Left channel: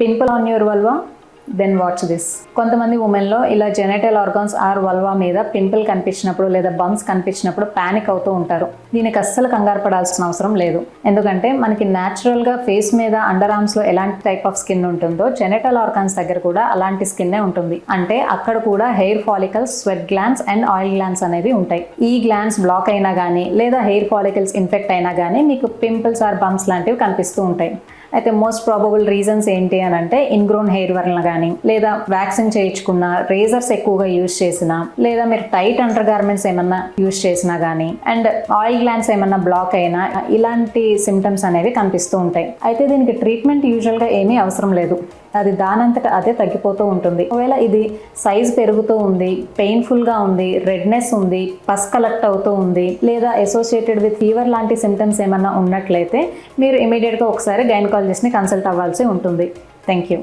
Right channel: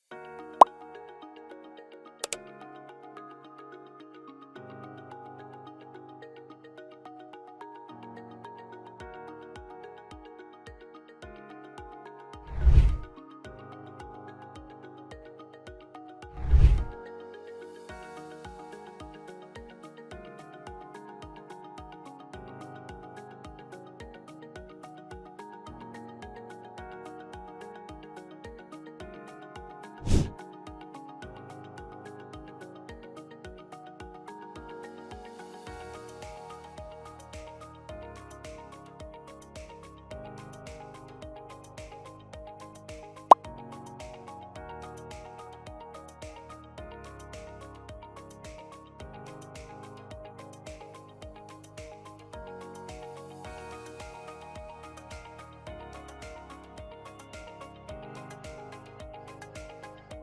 Pimple on your vulva, then watch this. కొంతమంది ఉమెన్లో ఇలా జెనైటల్ ఆర్గాన్స్ ఆర్ వల్వా మీద పింపుల్ కనిపించినప్పుడు లేదా బంప్స్ కనిపించినప్పుడు ప్యానిక్ అవుతూ ఉంటారు. దీనికి అస్సలు కంగారు పడాల్సిన అవసరం లేదు. ఎందుకంటే మనకి న్యాచురల్గా ఫేస్ మీద అండర్ ఆర్మ్స్లో ఎలాంటి టైప్ ఆఫ్ స్కిన్ ఉంటుందో జెనైటల్ ఆర్గాన్స్ దగ్గర కూడా అలాంటి స్కిన్నే ఉంటుంది. అంటే అక్కడ కూడా hair follicles, sweat glands and oil glands అనేవి ఉంటాయి. ఈ గ్లాండ్స్ బ్లాక్ అయినా కానీ లేదా హెయిర్ ఫాలికల్స్ ఇన్ఫెక్ట్ అయినా కానీ మీకు పింపుల్స్ ఆర్ బంప్స్ లాంటివి కనిపిస్తూ ఉంటాయి. అయితే మోస్ట్ ప్రాబబుల్ రీజన్స్ ఏంటి అని అంటే ఇన్గ్రోన్ హెయిర్ వలన కానీ, లేదా వ్యాక్సింగ్ చేయించుకున్న, రేజర్స్ ఎక్కువగా యూజ్ చేసినా, లేదా మీరు టైట్ అండర్ గార్మెంట్స్ ఏమన్నా యూజ్ చేసినా కానీ, అండ్ ఆయిల్ గ్లాండ్స్ ఏమన్నా బ్లాక్ అయినా ఇలాంటి సిమ్టమ్స్ అనేవి కనిపిస్తూ ఉంటాయి. అయితే దీనికి ట్రీట్మెంట్ యూజువల్గా ఏమీ అవసరం లేదు. అది దానంతట అదే తగ్గిపోతూ ఉంటుంది. ఒకవేళ ఇది సైజ్ పెరుగుతూ ఉంది, పెయిన్ఫుల్గా ఉంది, రెడ్నెస్ ఉంది, పస్ కలెక్ట్ అవుతూ ఉంది, లేదా అసోసియేటెడ్ విత్ ఫీవర్ లాంటి సిమ్టమ్స్ ఏమన్నా ఉన్నట్లయితే మీరు ఇమీడియట్గా ఒకసారి గైనకాలజిస్ట్ని కన్సల్ట్ అవ్వాల్సి ఉంటుంది. Thank you.